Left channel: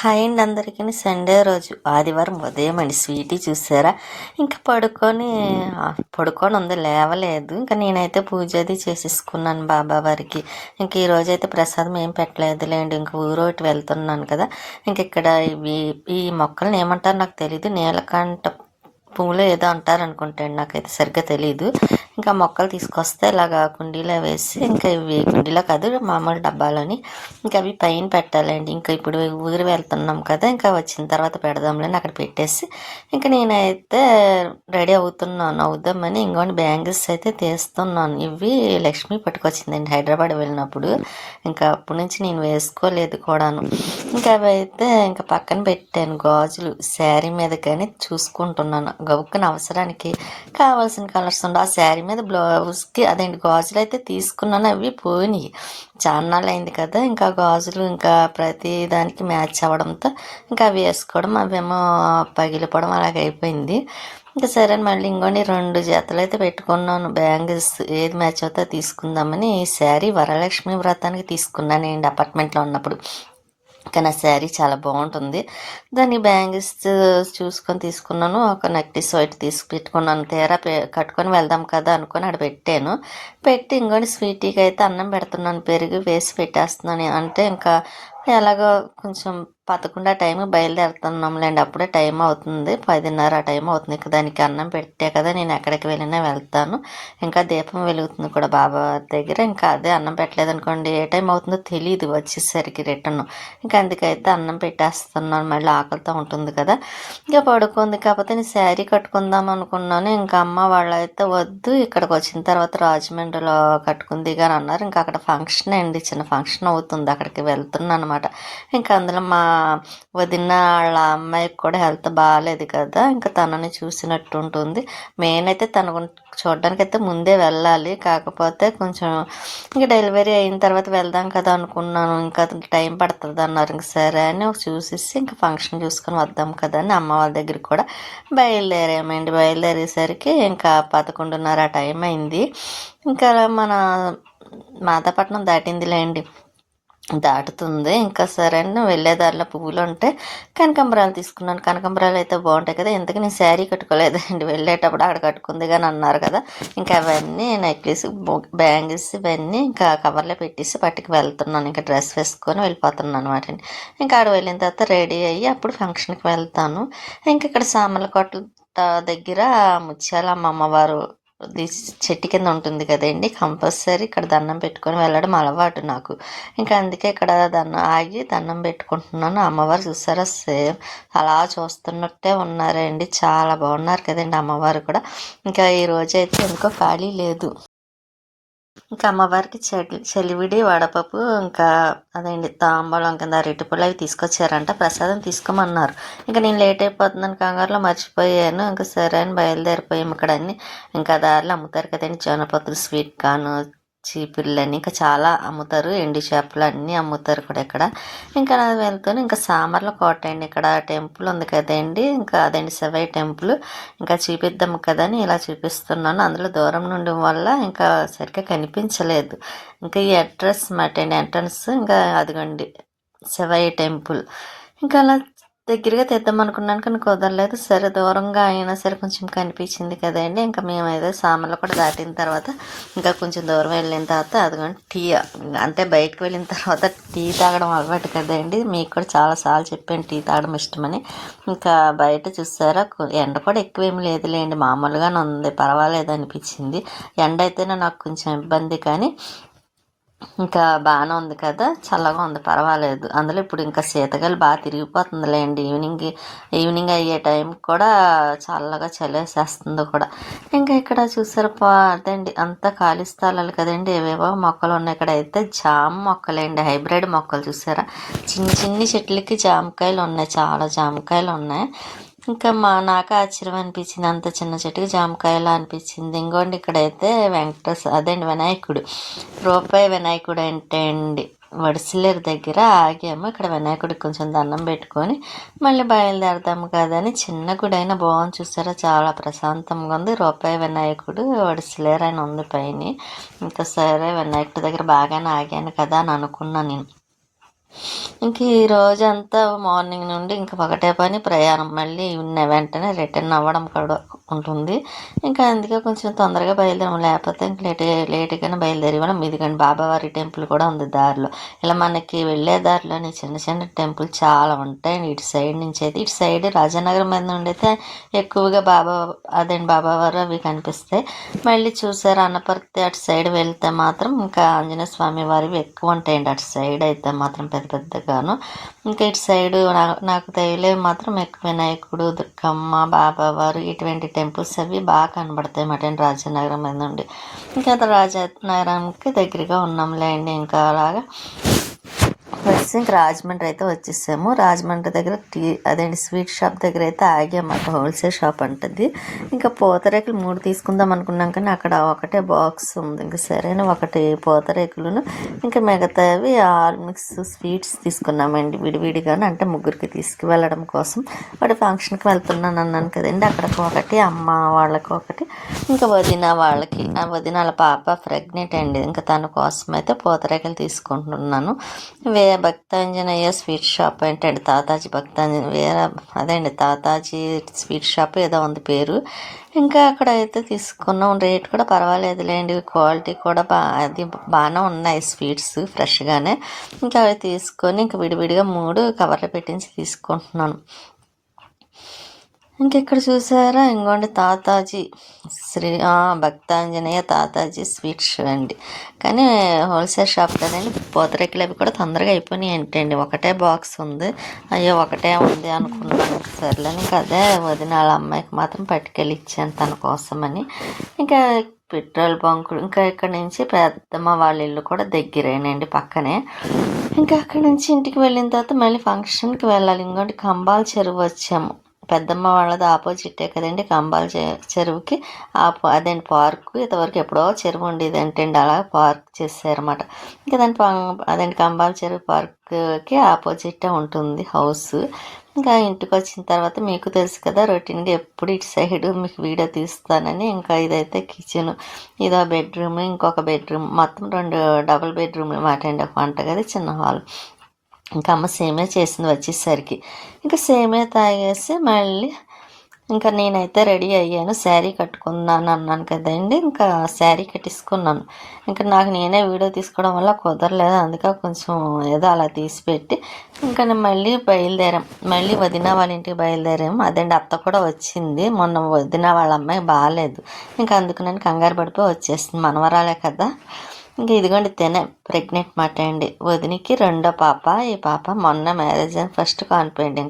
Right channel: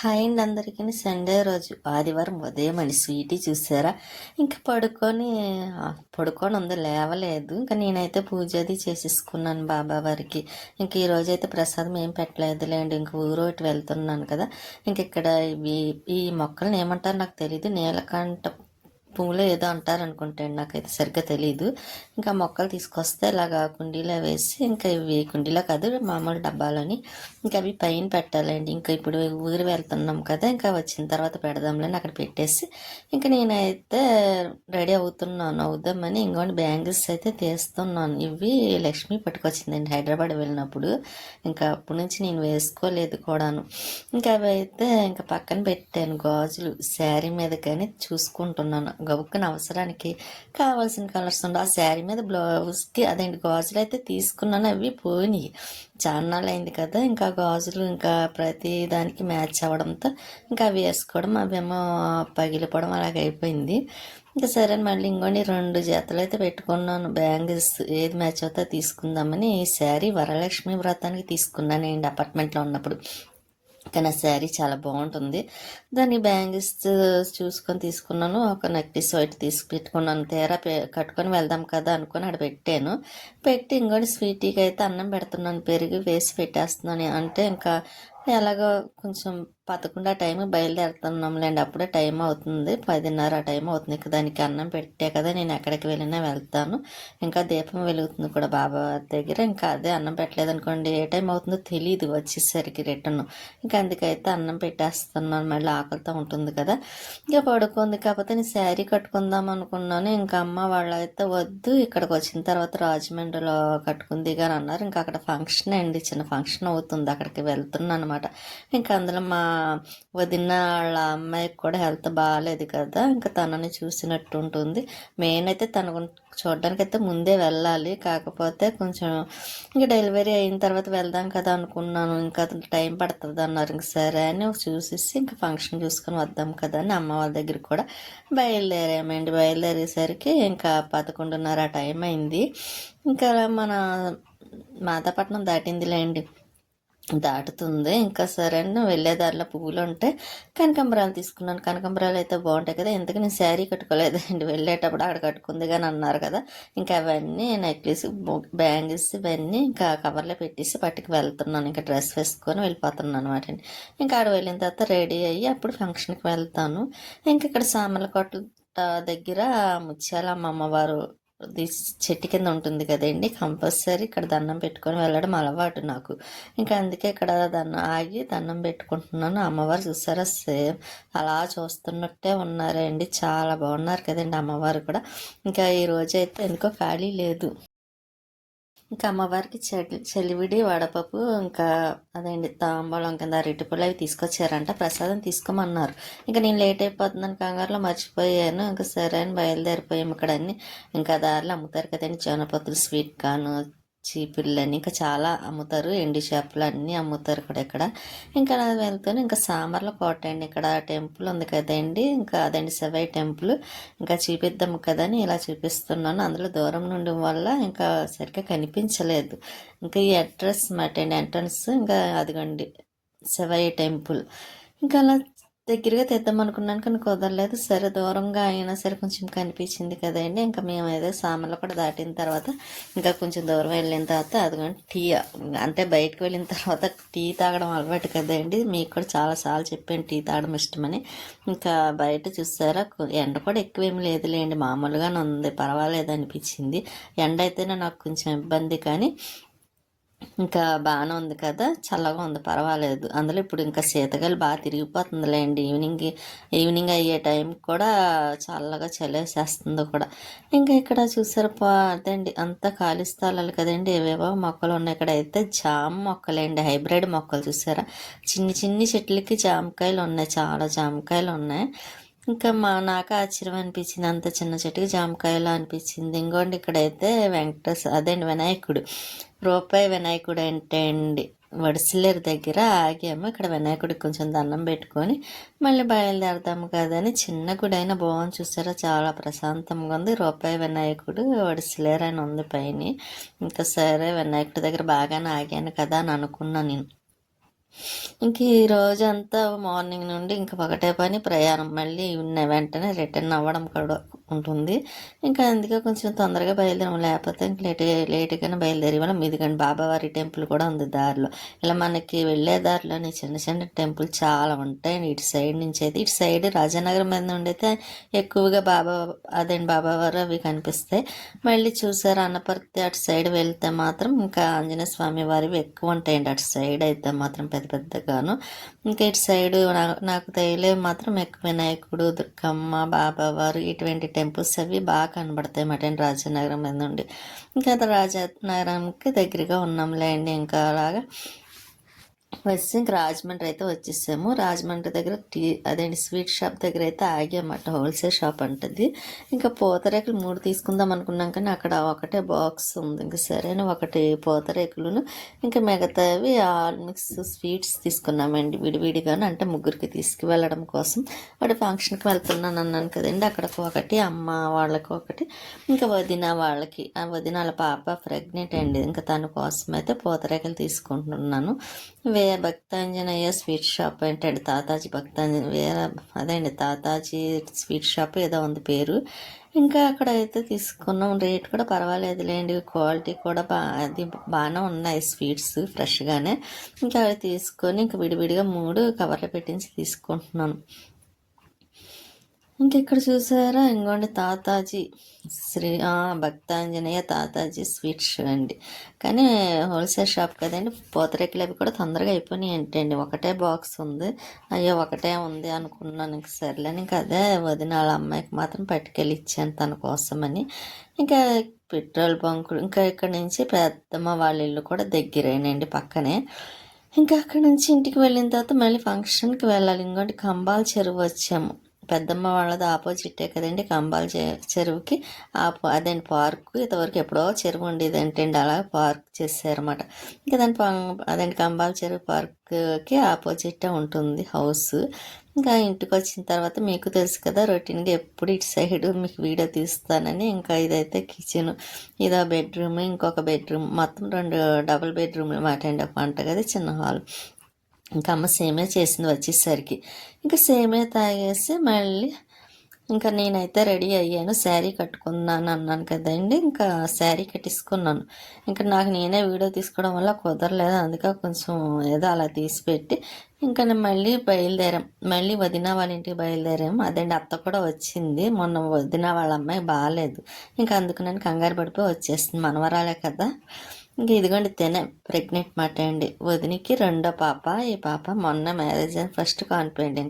Hi అండి అందరికీ. Sunday రోజు ఆదివారం ఉదయం అండి. స్వీటీ చూసారా ఇంకా పడుకొని ఉంది, లేవలేదు. ఇంకా నేనైతే పూజ అది చేసేసుకున్నాను బాబా వారికి. ఇంక ఈరోజు అయితే ప్రసాదం ఏం పెట్టలేదులేండి, ఇంక ఊరోటి వెళ్తున్నాను కదా. ఇంక ఇక్కడ ఈ మొక్కలను ఏమంటారు నాకు తెలీదు, నీలకంఠ పువ్వులు ఏదో అంటారు అనుకుంటాను, నాకైతే సరిగ్గా తెలియదు. ఇంకా మొక్కలు తీసుకొస్తే ఇలాగా కుండీలో వేసి, ఇంకా ఇవి కుండీలో కాదు మామూలు డబ్బాలోని ఇంకా అవి పైన పెట్టాలండి. ఇంకా ఇప్పుడు ఊరు వెళ్తున్నాం కదా, ఇంకా వచ్చిన తర్వాత పెడదాంలేని అక్కడ పెట్టేసి ఇంకా నేనైతే రెడీ అవుదామని ఇంకోటి బ్యాంగిల్స్ అయితే తీస్తున్నాను. ఇవి లక్ష్మి పట్టుకొచ్చిందండి హైదరాబాద్ వెళ్ళినప్పుడు. ఇంకా అప్పటి నుంచి నేను వేసుకోలేదు కూడాను. ఇంకా అవి అయితే ఇంకా పక్కన పెట్టాను. గాజులు శారీ మీద కానీ చూసుకుంటున్నాను, గబుక్కున అవసరానికి కావాల్సిన కలర్స్ ఉండే ఆ శారీ మీద బ్లౌజ్కి అదేంటి గాజులు అయితే తీసుకున్నాను. అవి పోయినాయి, చాన్నాళ్ళు అయింది కదా. ఇంకా గాజులు ఇంకా ప్రతి దానికి మ్యాచ్ అవ్వడంతో ఇంకా అవి వేసుకోవడం, అవేమో పగిలిపోవడం అలాగైపోయింది. ఇంకా సరే మళ్ళీ ఇంకోటి 2 జతలు అయితే పెట్టుకున్నాను బ్యాంగిల్స్. ఏది మ్యాచ్ అవుతా తీసుకుందామని ఈ శారీ వరలక్ష్మి వ్రతానికి తీసుకున్నానండి అపార్ట్మెంట్లో ఉన్నప్పుడు. కానీ ఆ శారీ చాలా బాగుంటుంది. దాన్ని బ్యాంగిల్స్ చూసుకొని తీసుకున్నాను. ఒక నెక్లెస్ వైట్ తీసి పెట్టుకున్నాను. తీరా కట్టుకొని వెళ్దాం కదా అనుకొని అక్కడ పెట్టి ఇంకోటి స్వీటీకి అయితే అన్నం పెడుతున్నాను, పెరుగు వేసి పెట్టేస్తున్నాను. అంటే ఇంకా ఎలాగో కొంచెం 11 టైం బయలుదేరుతున్నాంలేండి, అప్పుడే టైం అవుతుంది, 10:30 టైం అవుతుంది. ఇంకా దానికి అన్నం పెట్టే కదా నేను ఎక్కడికి వెళ్ళినా వెళ్తాను. ఇంకా దీపం వెలుగుతుంది కూడా బాబా దగ్గర. ఇంకా అదే అన్నం పెట్టలేదు అనుకోండి ఏ టైం అవుతుందో తెలియదు వచ్చేసరికి రిటర్న్. ఇంకా అందుకైతే అన్నం పెట్టేస్తున్నాను, మళ్ళీ ఆకలితో ఉంటుంది కదా. ఇంకా పడుకుంది, కాకపోతే నేను శారీ కట్టుకుందాం అనుకున్నాను. ఇంకా అమ్మ వాళ్ళైతే వద్దు, ఇక్కడికి వచ్చిన తర్వాత రాజమండ్రిలో కట్టుకుంది కానీ అన్నారు. ఇంకా అక్కడ ఫంక్షన్ అండి, చిన్న ఫంక్షన్ అవుతుంది, అక్కడికి వెళ్తున్నాను అనమాట. ఇంకా అందులో మా వదిన వాళ్ళ అమ్మాయికి కూడా హెల్త్ బాగాలేదు కదా, ఇంకా తనని చూసినట్టు ఉంటుంది. మెయిన్ అయితే తన చూడడానికి అయితే ముందే వెళ్ళాలి, కాకపోతే కొంచెం ఇంకా డెలివరీ అయిన తర్వాత వెళ్దాం కదా అనుకున్నాను. ఇంకా టైం పడుతుంది అన్నారు. ఇంక సరే అని చూసేసి ఇంకా ఫంక్షన్ చూసుకొని వద్దాం కదా అని అమ్మ వాళ్ళ దగ్గరికి కూడా బయలుదేరేసరికి ఇంకా 11:30 టైం అయింది. ఇంకా మన మాతాపట్నం దాటిందిలేండి, దాటుతుంది. ఇంకా సరే అని వెళ్ళేదారిలో పువ్వులు ఉంటే కనకాంబరాలు తీసుకున్నాను. కనకాంబరాలు అయితే బాగుంటాయి కదా. ఇంతకీ నేను శారీ కట్టుకోలేదండి, వెళ్ళేటప్పుడు అక్కడ కట్టుకుంది కానీ అన్నారు కదా. ఇంకా అవన్నీ నెక్లెస్, బ్యాంగిల్స్ ఇవన్నీ ఇంకా కవర్లో పెట్టేసి పట్టుకు వెళ్తున్నాను. ఇంకా డ్రెస్ వేసుకొని వెళ్ళిపోతున్నాను అనమాట. ఇంకా ఆడ వెళ్ళిన తర్వాత రెడీ అయ్యి అప్పుడు ఫంక్షన్కి వెళ్తాను. ఇంకా ఇక్కడ సామర్లకోట దగ్గర ముత్యాలమ్మ అమ్మవారు చెట్టు కింద ఉంటుంది కదండి, కంపల్సరీ ఇక్కడ దండం పెట్టుకొని వెళ్ళడం అలవాటు నాకు. ఇంకా అందుకే ఇక్కడ ఆగి దండం పెట్టుకుంటున్నాను. అమ్మవారు చూసారా, సేమ్ అలా చూస్తున్నట్టే ఉన్నారండి, చాలా బాగున్నారు కదండి అమ్మవారు కూడా. ఇంకా ఈ రోజు అయితే ఇంకో ఖాళీ లేదు. ఇంకా అమ్మవారికి చలివిడి వడపప్పు, ఇంకా అదేంటి తాంబూలం కింద అరటిపళ్ళు అవి తీసుకొచ్చారంట, ప్రసాదం తీసుకోమన్నారు. ఇంకా నేను లేట్ అయిపోతుందని కంగారులో మర్చిపోయాను. ఇంకా సరే అని బయలుదేరిపోయాము. ఇక్కడ అన్ని ఇంకా దారిలో అమ్ముతారు కదండి, జొన్నపత్తులు, స్వీట్ కార్న్, చీపుర్లని ఇంకా చాలా అమ్ముతారు, ఎండు చేపలు అన్నీ అమ్ముతారు కూడా ఇక్కడ. ఇంకా అలా వెళ్తాను. ఇంకా సామర్లకోట అండి, ఇక్కడ టెంపుల్ ఉంది కదండి, ఇంకా అదండి శివయ్య టెంపుల్. ఇంకా చూపిద్దాం కదా అని ఇలా చూపిస్తున్నాను. అందులో దూరం నుండి వల్ల ఇంకా సరిగ్గా కనిపించలేదు. ఇంకా ఈ అడ్రస్ మాట అండి, ఎంట్రన్స్. ఇంకా అదిగోండి శివయ్య టెంపుల్. ఇంకా అలా దగ్గరగా తెద్దాం అనుకున్నాను కానీ కుదరలేదు. సరే దూరంగా అయినా సరే కొంచెం కనిపించింది కదండి. ఇంకా మేమైతే సామర్లు కూడా దాటిన తర్వాత ఇంకా కొంచెం దూరం వెళ్ళిన తర్వాత అదిగోండి టీ, అంటే బయటకు వెళ్ళిన తర్వాత టీ తాగడం అలవాటు కదండి, మీకు కూడా చాలాసార్లు చెప్పాను టీ తాగడం ఇష్టమని. ఇంకా బయట చూసారా, ఎండ కూడా ఎక్కువేమి లేదులేండి, మామూలుగానే ఉంది, పర్వాలేదు అనిపించింది. ఎండ అయితేనే నాకు కొంచెం ఇబ్బంది, కానీ ఇంకా బాగానే ఉంది కదా, చల్లగా ఉంది, పర్వాలేదు. అందులో ఇప్పుడు ఇంకా శీతగాలి బాగా తిరిగిపోతుందిలేండి. ఈవినింగ్ అయ్యే టైం కూడా చల్లగా చలేసేస్తుంది కూడా. ఇంకా ఇక్కడ చూసారు అదండి అంతా ఖాళీ స్థలాలు కదండి, ఏవేవో మొక్కలు ఉన్నాయి. ఇక్కడ అయితే జామ మొక్కలేండి, హైబ్రిడ్ మొక్కలు చూసారా, చిన్ని చెట్లకి జామకాయలు ఉన్నాయి, చాలా జామకాయలు ఉన్నాయి. ఇంకా నాకు ఆశ్చర్యం అనిపించింది, అంత చిన్న చెట్టుకి జామకాయలా అనిపించింది. ఇంకోండి ఇక్కడైతే అదేండి వినాయకుడు, రూపాయి వినాయకుడు అంటే అండి, వడిసిలేరు దగ్గర ఆగాము. ఇక్కడ వినాయకుడికి కొంచెం దండం పెట్టుకొని మళ్ళీ బయలుదేరదాము కదని, చిన్న గుడి అయినా బాగుంది చూసారా, చాలా ప్రశాంతంగా ఉంది. రూపాయి వినాయకుడు వడిసిలేరు అని ఉంది పైన. ఇంకా సరే వినాయకుడి దగ్గర బాగానే ఆగాను కదా అని అనుకున్నాను నేను. ఇంక ఈ రోజంతా మార్నింగ్ నుండి ఇంక ఒకటే పని ప్రయాణం. మళ్ళీ వెంటనే రిటర్న్ అవ్వడం కూడా ఉంటుంది. ఇంకా అందుకే కొంచెం తొందరగా బయలుదేరాం. లేకపోతే ఇంక లేట్‌గానే బయలుదేరేవాళ్ళం. ఇదిగోండి బాబావారి టెంపుల్ కూడా ఉంది దారిలో. ఇలా మనకి వెళ్ళే దారిలోని చిన్న చిన్న టెంపుల్ చాలా ఉంటాయండి. ఇటు సైడ్ నుంచి అయితే ఇటు సైడ్ రాజానగరం మీద నుండి అయితే ఎక్కువగా బాబావారు అవి కనిపిస్తాయి. మళ్ళీ చూసారా అన్నపర్తి అటు సైడ్ వెళ్తే మాత్రం ఇంకా ఆంజనేయ స్వామి వారివి ఎక్కువ ఉంటాయండి. అటు సైడ్ అయితే మాత్రం పెద్ద పెద్దగాను. ఇంకా ఇటు సైడు నాకు తగిలేవి మాత్రం ఎక్కువ వినాయకుడు, దుర్గమ్మ, బాబావారు ఇటువంటి టెంపుల్స్ అవి బాగా కనబడతాయి అన్నమాట రాజానగరం మీద నుండి. ఇంకా రాజానగరంకి దగ్గరగా ఉన్నాంలేండి. ఇంకా అలాగా బస్ ఇంక రాజమండ్రి అయితే వచ్చేసాము. రాజమండ్రి దగ్గర స్వీట్ షాప్ దగ్గర అయితే ఆగామాట. హోల్సేల్ షాప్ అంటది. ఇంకా పూతరేకులు 3 తీసుకుందాం అనుకున్నాం కానీ అక్కడ ఒకటే బాక్స్ ఉంది. ఇంకా సరైన ఒకటి పూతరేకులను ఇంకా మిగతావి ఆల్ మిక్స్ స్వీట్స్ తీసుకున్నామండి విడివిడిగాను. అంటే ముగ్గురికి తీసుకువెళ్ళడం కోసం. వాటి ఫంక్షన్కి వెళ్తున్నాను అన్నాను కదండి. అక్కడికి ఒకటి, అమ్మ వాళ్ళకి ఒకటి, ఇంకా వదిన వాళ్ళకి. ఆ వదిన వాళ్ళ పాప ప్రెగ్నెంట్ అండి. ఇంకా తన కోసం అయితే పూతరేకులు తీసుకుంటున్నాను. భక్తాంజనేయ స్వీట్ షాప్ ఏంటండి, తాతాజీ తాతాజీ స్వీట్ షాప్ ఏదో ఉంది పేరు. ఇంకా అక్కడ అయితే తీసుకున్నాం. రేట్ కూడా పర్వాలేదులేండి, క్వాలిటీ కూడా అది బాగానే ఉన్నాయి స్వీట్స్ ఫ్రెష్గానే. ఇంకా అవి తీసుకొని ఇంకా విడివిడిగా 3 కవర్లు పెట్టించి తీసుకుంటున్నాను. ఇంకెక్కడ చూసారా ఇంకోండి తాతాజీ భక్తాంజనేయ తాతాజీ స్వీట్స్ అండి. కానీ హోల్సేల్ షాప్ కదండి. పూతరేకులు అవి కూడా తొందరగా అయిపోయినాయి ఏంటండి. ఒకటే బాక్స్ ఉంది. అయ్యో ఒకటే ఉంది అనుకున్నాను. సర్లేని ఇంకా అదే వదిన వాళ్ళ అమ్మాయికి మాత్రం పట్టుకెళ్ళి ఇచ్చాను తన కోసమని. ఇంకా పెట్రోల్ బంకులు ఇంకా ఇక్కడ నుంచి పెద్దమ్మ వాళ్ళ ఇల్లు కూడా దగ్గరేనండి, పక్కనే. ఇంకా అక్కడి నుంచి ఇంటికి వెళ్ళిన తర్వాత మళ్ళీ ఫంక్షన్కి వెళ్ళాలి. ఇంకోటి కంబాల చెరువు వచ్చాము. పెద్దమ్మ వాళ్ళది ఆపోజిటే కదండి కంబాల చెరువుకి. అదేంటి పార్కు. ఇంతవరకు ఎప్పుడో చెరువు ఉండేది ఏంటండి, అలా పార్క్ చేశారన్నమాట. ఇంకా అదేంటి కంబాల చెరువు పార్క్కి ఆపోజిటే ఉంటుంది హౌస్. ఇంకా ఇంటికి వచ్చిన తర్వాత మీకు తెలుసు కదా రొటీన్గా ఎప్పుడు ఇటు సైడ్ మీకు వీడియో తీస్తానని. ఇంకా ఇదైతే కిచెన్, ఇదో బెడ్రూమ్, ఇంకొక బెడ్రూమ్, మొత్తం 2 డబుల్ బెడ్రూమ్లు మాట అండి. ఒక వంటగది, చిన్న హాల్. ఇంకా అమ్మ సేమే చేసింది వచ్చేసరికి. ఇంకా సేమే తాగేసి మళ్ళీ ఇంకా నేనైతే రెడీ అయ్యాను. శారీ కట్టుకున్నాను అన్నాను కదండి. ఇంకా శారీ కట్టేసుకున్నాను. ఇంకా నాకు నేనే వీడియో తీసుకోవడం వల్ల కుదరలేదు. అందుకే కొంచెం ఏదో అలా తీసిపెట్టి ఇంకా నేను మళ్ళీ బయలుదేరాం. మళ్ళీ వదిన వాళ్ళ ఇంటికి బయలుదేరాము. అదండి అత్త కూడా వచ్చింది. మొన్న వదిన వాళ్ళ అమ్మాయి బాగాలేదు. ఇంకా అందుకు నేను కంగారు పడిపోయి వచ్చేసింది. మనవరాలే కదా. ఇంకా ఇదిగోండి ప్రెగ్నెంట్ మాట అండి. వదినికి 2వ పాప. ఈ పాప మొన్న మ్యారేజ్ అయిన ఫస్ట్ కానిపోయింది.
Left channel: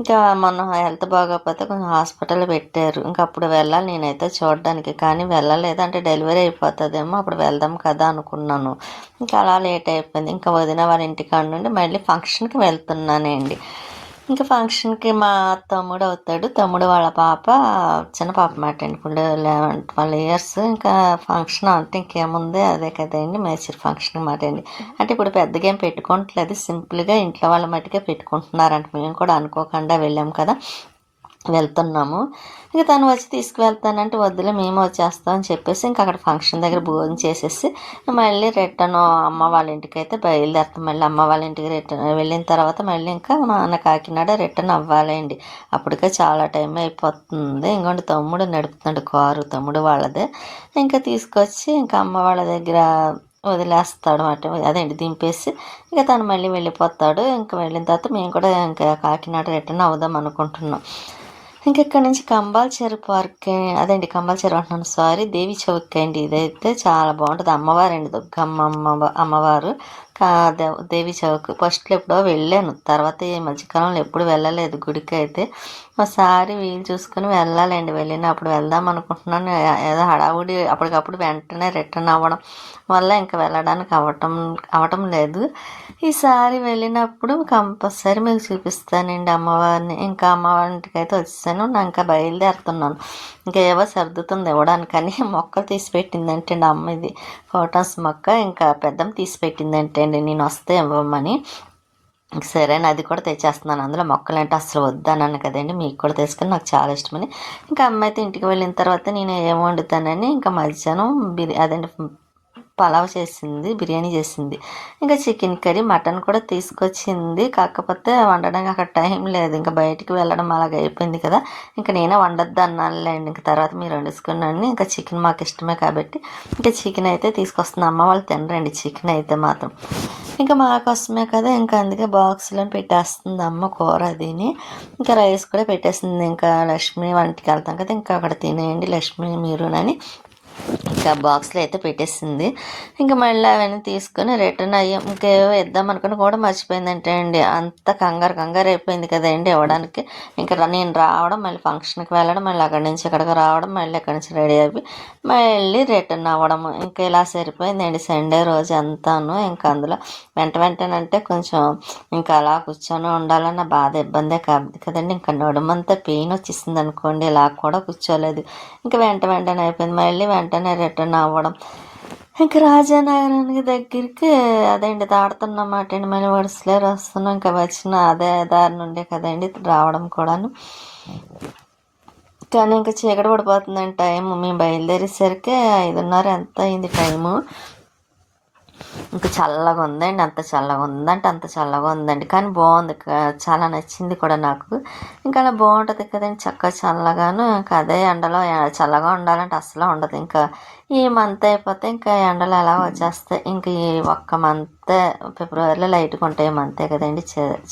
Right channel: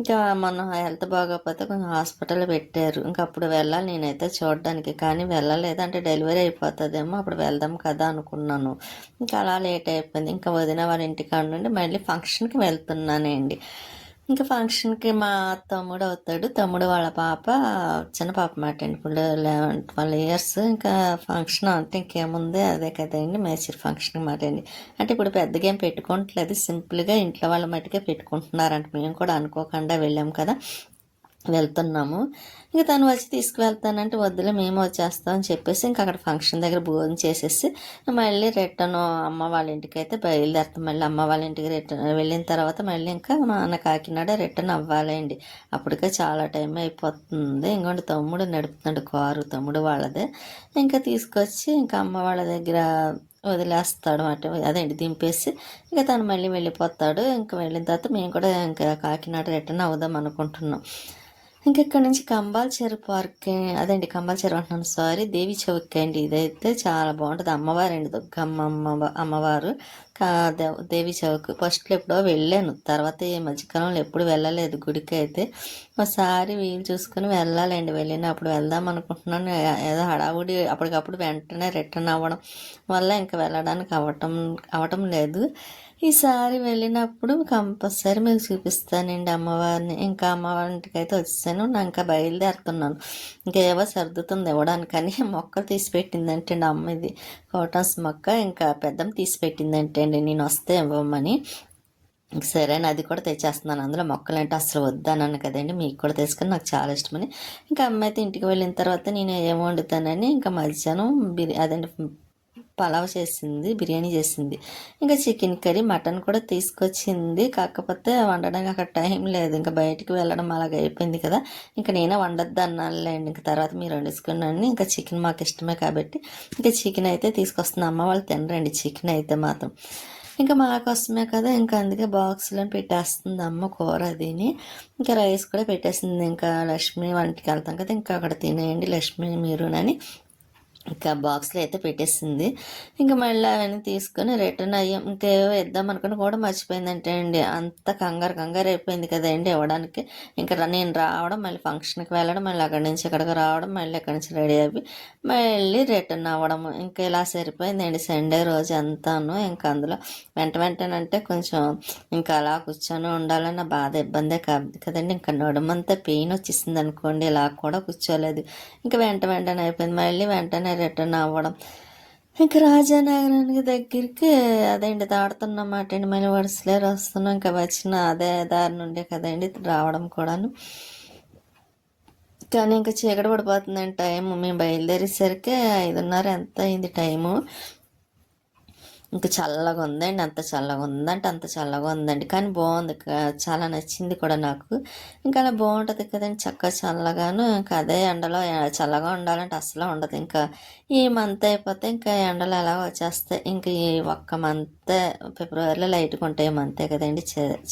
ఇంకా మొన్న హెల్త్ బాగోకపోతే కొంచెం హాస్పిటల్ పెట్టారు. ఇంకా అప్పుడు వెళ్ళాలి నేనైతే చూడడానికి. కానీ వెళ్ళలేదు. అంటే డెలివరీ అయిపోతుందేమో అప్పుడు వెళ్దాం కదా అనుకున్నాను. ఇంకా అలా లేట్ అయిపోయింది. ఇంకా వదిన వాళ్ళ ఇంటికాడ నుండి మళ్ళీ ఫంక్షన్కి వెళ్తున్నానండి. ఇంకా ఫంక్షన్కి మా తమ్ముడు అవుతాడు. తమ్ముడు వాళ్ళ పాప చిన్న పాప మాట అండి. ఇప్పుడు 12 ఇయర్స్. ఇంకా ఫంక్షన్ అంటే ఇంకేముంది అదే కదండి, మేచర్ ఫంక్షన్ మాట అండి. అంటే ఇప్పుడు పెద్దగా ఏం పెట్టుకోవట్లేదు, సింపుల్గా ఇంట్లో వాళ్ళ మట్టుకే పెట్టుకుంటున్నారంట. మేము కూడా అనుకోకుండా వెళ్ళాం కదా, వెళ్తున్నాము. ఇంకా తను వచ్చి తీసుకువెళ్తానంటే వద్దులే మేము వచ్చేస్తాం అని చెప్పేసి ఇంకా అక్కడ ఫంక్షన్ దగ్గర భోజనం చేసేసి మళ్ళీ రిటర్న్ అమ్మ వాళ్ళ ఇంటికి అయితే బయలుదేరుతాం. మళ్ళీ అమ్మ వాళ్ళ ఇంటికి రిటర్న్ వెళ్ళిన తర్వాత మళ్ళీ ఇంకా నాన్న కాకినాడ రిటర్న్ అవ్వాలండి. అప్పటికే చాలా టైం అయిపోతుంది. ఇంకోటి తమ్ముడు నడుపుతున్నాడు కారు, తమ్ముడు వాళ్ళదే. ఇంకా తీసుకొచ్చి ఇంకా అమ్మ వాళ్ళ దగ్గర వదిలేస్తాడు అన్నమాట. అదేంటి దింపేసి ఇంకా తను మళ్ళీ వెళ్ళిపోతాడు. ఇంకా వెళ్ళిన తర్వాత మేము కూడా ఇంకా కాకినాడ రిటర్న్ అవుదాం అనుకుంటున్నాం. ఇంకెక్కడి నుంచి కంబాల చెరువు పార్క్, అదేంటి కంబాల చెరువు అంటున్నాను, సారీ, దేవి చౌక్ అండి. ఇదైతే చాలా బాగుంటుంది. అమ్మవారండి, దుర్గమ్మ అమ్మవారు. దేవి చౌక్ ఫస్ట్లో ఎప్పుడో వెళ్ళాను. తర్వాత ఈ మధ్యకాలంలో ఎప్పుడు వెళ్ళలేదు గుడికి అయితే. ఒకసారి వీలు చూసుకుని వెళ్ళాలండి. వెళ్ళినప్పుడు వెళ్దాం అనుకుంటున్నాను. ఏదో హడావుడి అప్పటికప్పుడు వెంటనే రిటర్న్ అవ్వడం వల్ల ఇంకా వెళ్ళడానికి అవటం లేదు. ఈసారి వెళ్ళినప్పుడు కంపల్సరీ మీకు చూపిస్తానండి అమ్మవారిని. ఇంకా అమ్మవారి ఇంటికి అయితే వచ్చేసాను. నా ఇంకా బయలుదేరుతున్నాను. ఇంకేవో సర్దుతుంది ఇవ్వడానికని. మొక్కలు తీసి పెట్టిందంటే అండి అమ్మ, ఇది ఫోటోస్ మొక్క. ఇంకా పెద్దమ్మ తీసి పెట్టిందంటే అండి నేను వస్తే ఇవ్వమని. సరే అది కూడా తెచ్చేస్తున్నాను. అందులో మొక్కలంటే అసలు వద్దన్నాను కదండి, మీకు కూడా తెలుసుకొని నాకు చాలా ఇష్టమని. ఇంకా అమ్మ అయితే ఇంటికి వెళ్ళిన తర్వాత నేను ఏం వండుతానని ఇంకా మధ్యాహ్నం అదండి పలావ్ చేసింది, బిర్యానీ చేసింది. ఇంకా చికెన్ కర్రీ, మటన్ కూడా తీసుకొచ్చింది. కాకపోతే వండడానికి అక్కడ టైం లేదు, ఇంకా బయటికి వెళ్ళడం అలాగ అయిపోయింది కదా. ఇంకా నేనే వండొద్దు అన్నానులేండి, ఇంకా తర్వాత మీరు వండేసుకున్నాను. ఇంకా చికెన్ మాకు ఇష్టమే కాబట్టి ఇంకా చికెన్ అయితే తీసుకొస్తుంది. అమ్మ వాళ్ళు తినరండి చికెన్ అయితే మాత్రం, ఇంకా మా కోసమే కదా, ఇంకా అందుకే బాక్స్లో పెట్టేస్తుంది అమ్మ కూర అదిని. ఇంకా రైస్ కూడా పెట్టేస్తుంది. ఇంకా లక్ష్మి వంటికి వెళ్తాం కదా, ఇంకా అక్కడ తినేయండి లక్ష్మి మీరునని ఇంకా బాక్స్లో అయితే పెట్టేసింది. ఇంకా మళ్ళీ అవన్నీ తీసుకొని రిటర్న్ అయ్యాం. ఇంకేవో ఇద్దాం అనుకుని కూడా మర్చిపోయిందంటే అండి, అంత కంగారు అయిపోయింది కదండి ఇవ్వడానికి. ఇంకా నేను రావడం, మళ్ళీ ఫంక్షన్కి వెళ్ళడం, మళ్ళీ అక్కడి నుంచి ఇక్కడికి రావడం, మళ్ళీ అక్కడి నుంచి రెడీ అయిపోయి మళ్ళీ రిటర్న్ అవ్వడం, ఇంకా ఇలా సరిపోయిందండి సండే రోజు అంతాను. ఇంకా అందులో వెంటనంటే కొంచెం ఇంకా అలా కూర్చొని ఉండాలన్న బాధ ఇబ్బందే కాదు కదండి. ఇంకా నడుమంతా పెయిన్ వచ్చేసింది అనుకోండి, ఇలా కూడా కూర్చోలేదు. ఇంకా వెంటనే అయిపోయింది. మళ్ళీ వెంటనే రిటర్న్ అవ్వడం, ఇంకా రాజానగరానికి దగ్గరికి అదేంటి దాడుతున్నమాట అండి. మళ్ళీ వరుసలేరు వస్తున్నాం, ఇంకా వచ్చిన అదే దారి నుండే కదండి రావడం కూడాను. కానీ ఇంకా చీకటి పడిపోతుందండి టైం. మేము బయలుదేరేసరికి 5:30 ఎంత అయింది టైము. ఇంకా చల్లగా ఉందండి, అంత చల్లగా ఉందంటే అంత చల్లగా ఉందండి. కానీ బాగుంది, చాలా నచ్చింది కూడా నాకు. ఇంకా అలా బాగుంటుంది కదండి చక్కగా చల్లగాను. ఇంకా అదే ఎండలో చల్లగా ఉండాలంటే అసలు ఉండదు. ఇంకా ఈ మంత్ అయిపోతే ఇంకా ఎండలు ఎలా వచ్చేస్తాయి. ఇంక ఈ ఒక్క మంత్ ఫిబ్రవరిలో లైట్గా ఉంటాయి మంతే కదండి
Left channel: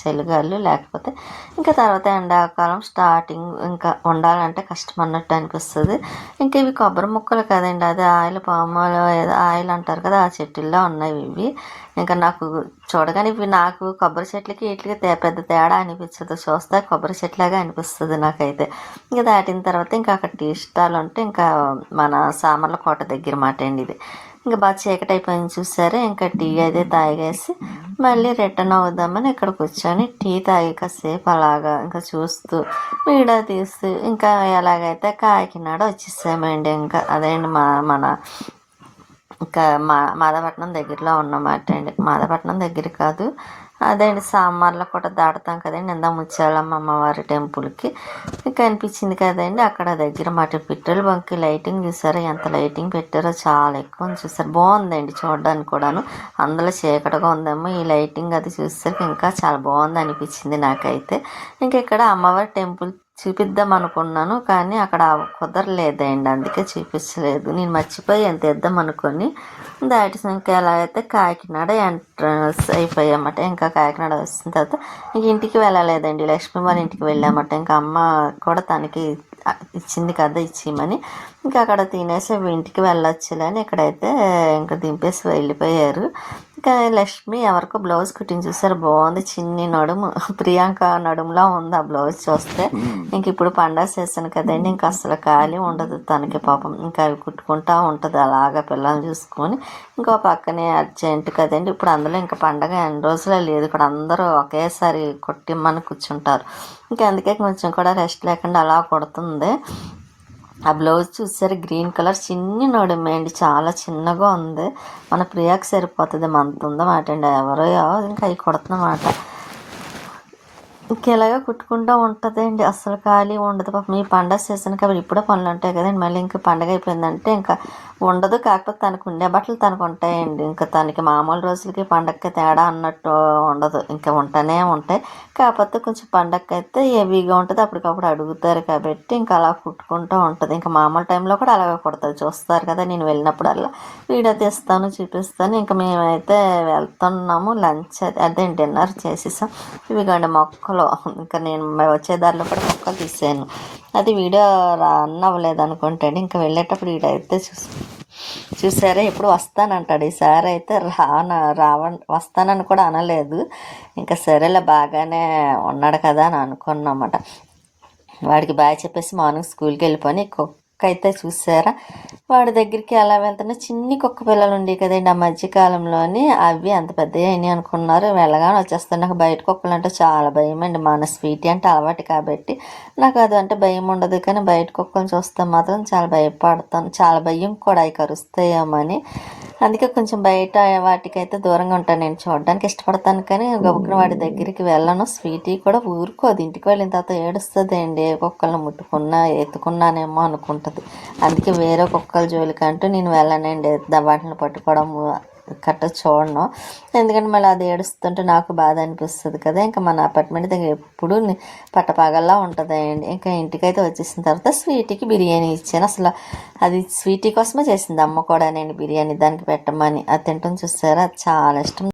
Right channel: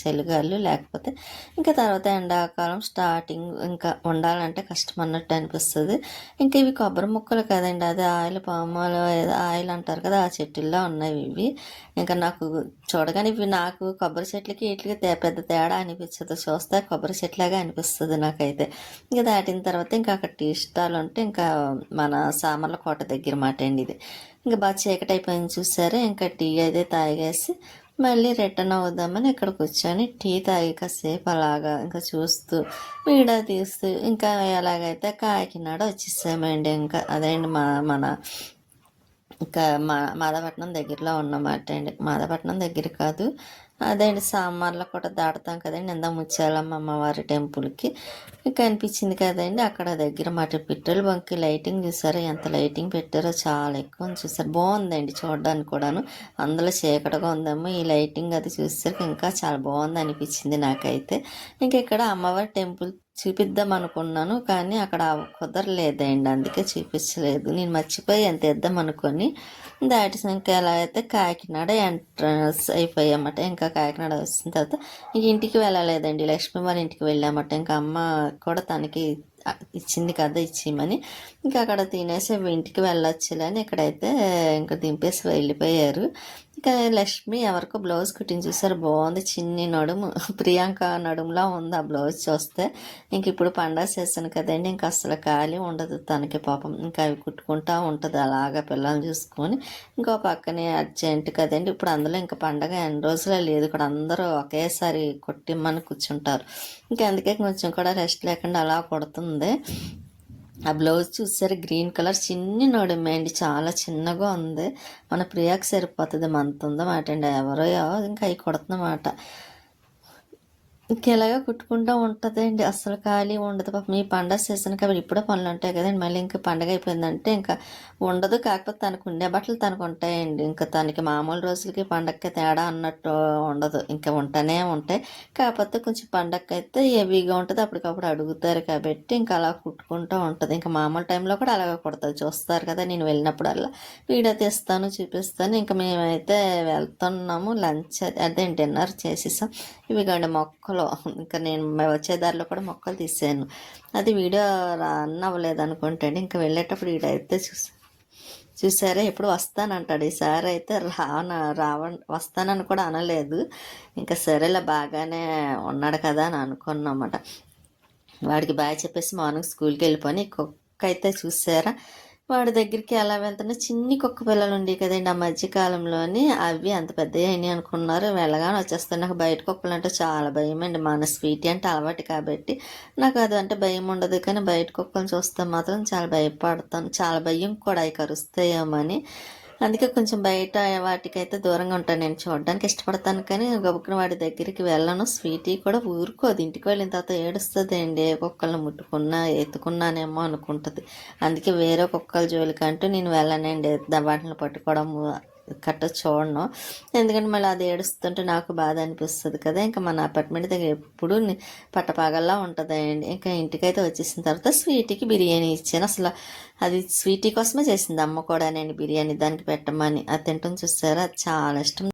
చలిగాలు. లేకపోతే ఇంకా తర్వాత ఎండాకాలం స్టార్టింగ్ ఇంకా ఉండాలంటే కష్టం అన్నట్టు అనిపిస్తుంది. ఇంకా ఇవి కొబ్బరి ముక్కలు కదండి, అది ఆయిల్ పామాయిల్ ఏదో ఆయిల్ అంటారు కదా, ఆ చెట్టుల్లో ఉన్నాయి ఇవి. ఇంకా నాకు చూడగానే ఇవి నాకు కొబ్బరి చెట్లకి వీటికి పెద్ద తేడా అనిపించదు, చూస్తే కొబ్బరి చెట్లాగా అనిపిస్తుంది నాకైతే. ఇంకా దాటిన తర్వాత ఇంకా అక్కడ టీ స్టాల్ ఉంటే ఇంకా మన సామర్లకోట దగ్గర మాట అండి ఇది. ఇంకా బాగా చీకటి అయిపోయింది చూసారా. ఇంకా టీ అయితే తాగేసి మళ్ళీ రిటర్న్ అవుదామని ఇక్కడ కూర్చొని టీ తాగి కాసేపు అలాగా ఇంకా చూస్తూ వీడియో తీస్తూ ఇంకా ఎలాగైతే కాకినాడ వచ్చేసామండి. ఇంకా అదేంటి మన ఇంకా మాదాపట్నం దగ్గరలో ఉన్నమాట అండి. మాదాపట్నం దగ్గర కాదు, అదేంటి సామర్లకోట దాటుతాం కదండి, ఇందా ముత్యాలమ్మ అమ్మవారి టెంపుల్కి కనిపించింది కదండి, అక్కడ దగ్గర మాట. పెట్రోల్ బంక్ లైటింగ్ చూసారా, ఎంత లైటింగ్ పెట్టారో, చాలా ఎక్కువ చూసారు. బాగుందండి చూడడానికి కూడాను. అందులో చీకటిగా ఉందేమో, ఈ లైటింగ్ అది చూసేసరికి ఇంకా చాలా బాగుంది అనిపించింది నాకైతే. ఇంకా ఇక్కడ అమ్మవారి టెంపుల్ చూపిద్దాం అనుకున్నాను, కానీ అక్కడ కుదరలేదండి, అందుకే చూపించలేదు. నేను మర్చిపోయి ఎంత ఇద్దాం అనుకొని దాటిసాక ఎలా అయితే కాకినాడ ఎంట్రన్స్ అయిపోయామట. ఇంకా కాకినాడ వచ్చిన తర్వాత ఇంక ఇంటికి వెళ్ళలేదండి, లక్ష్మీ వాళ్ళ ఇంటికి వెళ్ళామట. ఇంకా అమ్మ కూడా తనకి ఇచ్చింది కదా ఇచ్చిమని, ఇంకా అక్కడ తినేసి ఇంటికి వెళ్ళొచ్చులే అని ఇక్కడైతే ఇంకా దింపేసి వెళ్ళిపోయారు. ఇంకా లక్ష్మి ఎవరికో బ్లౌజ్ కుట్టింగ్ చూసారు, బాగుంది. చిన్ని నడుము, ప్రియాంక నడుములా ఉంది ఆ బ్లౌజ్ చూస్తే. ఇంక ఇప్పుడు పండగ సీజన్ కదండి, ఇంకా అసలు ఖాళీ ఉండదు తనకి పాపం. ఇంకా అవి కుట్టుకుంటా ఉంటుంది అలాగా పిల్లల్ని చూసుకొని. ఇంకో పక్కనే అర్జెంట్ కదండి, ఇప్పుడు అందులో ఇంకా పండగ ఎన్ని రోజులే లేదు, ఇక్కడ అందరూ ఒకేసారి కొట్టిమ్మని కూర్చుంటారు. ఇంకా అందుకే కొంచెం కూడా రెస్ట్ లేకుండా అలా కుడుతుంది. ఆ బ్లౌజ్ చూసారు, గ్రీన్ కలర్ చిన్ని నడుమే అండి, చాలా చిన్నగా ఉంది. మన ప్రియాకి సరిపోతుంది, మంత్ ఉందన్నమాట అండి. ఎవరో ఇంకా అవి కుడుతున్నమాట. ఇంకెలాగా కుట్టుకుంటూ ఉంటుందండి, అసలు ఖాళీ ఉండదు పాపం. ఈ పండగ సీజన్ కాబట్టి ఇప్పుడే పనులు ఉంటాయి కదండి, మళ్ళీ ఇంకా పండగ అయిపోయిందంటే ఇంకా ఉండదు. కాకపోతే తనకు ఉండే బట్టలు తనకు ఉంటాయండి, ఇంకా తనకి మామూలు రోజులకి పండగకి తేడా అన్నట్టు ఉండదు, ఇంకా ఉంటూనే ఉంటాయి. కాకపోతే కొంచెం పండగకి అయితే హెవీగా ఉంటుంది, అప్పటికప్పుడు అడుగుతారు కాబట్టి ఇంకా అలా కుట్టుకుంటూ ఉంటుంది. ఇంకా మామూలు టైంలో కూడా అలాగే కుడుతుంది, చూస్తారు కదా నేను వెళ్ళినప్పుడల్లా వీడియో తీస్తాను చూపిస్తాను. ఇంకా మేమైతే వెళ్తున్నాము, లంచ్ అదే డిన్నర్ చేసేసాం. ఇవిగండి మొక్కలు, ఇంకా నేను వచ్చే దారిలో కూడా మొక్కలు తీసాను, అది వీడియో రన్ అవ్వలేదు అనుకుంటాడు. ఇంకా వెళ్ళేటప్పుడు వీడైతే చూసారా ఎప్పుడు వస్తానంటాడు, ఈసారి అయితే వస్తానని కూడా అనలేదు. ఇంకా సరేలే బాగానే ఉన్నాడు కదా అని అనుకున్నమాట. వాడికి బాగా చెప్పేసి మార్నింగ్ స్కూల్కి వెళ్ళిపోయి కుక్క అయితే చూసారా, వాడి దగ్గరికి ఎలా వెళ్తున్నా చిన్ని కుక్క పిల్లలు ఉండే కదండి ఆ మధ్యకాలంలోని, అవి అంత పెద్దవి అయినాయి అనుకున్నారు. వెళ్ళగానే వచ్చేస్తాను. నాకు బయట కుక్కలు అంటే చాలా భయం అండి, మన స్వీటీ అంటే అలవాటు కాబట్టి నాకు అది అంటే భయం ఉండదు. కానీ బయట కుక్కలు చూస్తే మాత్రం చాలా భయపడతాను, చాలా భయం కూడా అవి కరుస్తాయేమని. అందుకే కొంచెం బయట వాటికైతే దూరంగా ఉంటాను. నేను చూడడానికి ఇష్టపడతాను కానీ గబుక్కున వాటి దగ్గరికి వెళ్ళను. స్వీటీ కూడా ఊరుకోదు, ఇంటికి వెళ్ళిన తర్వాత ఏడుస్తుంది అండి. ఏ కుక్కలను ముట్టుకున్నా ఎత్తుకున్నానేమో అనుకుంటుంది. అందుకే వేరే కుక్కల జోలికంటూ నేను వెళ్ళనండి. వాటిని పట్టుకోవడం చూడను. ఎందుకంటే మళ్ళీ అది ఏడుస్తుంటే నాకు బాధ అనిపిస్తుంది కదా. ఇంకా మన అపార్ట్మెంట్ దగ్గర ఎప్పుడు పట్టపగల్లా ఉంటుందండి. ఇంకా ఇంటికైతే వచ్చేసిన తర్వాత స్వీటీకి బిర్యానీ ఇచ్చాను. అసలు అది స్వీటీ కోసమే చేసింది అమ్మ కూడా, నేను బిర్యానీ దానికి పెట్టమని. అది తింటాం చూసారా, అది చాలా ఇష్టం.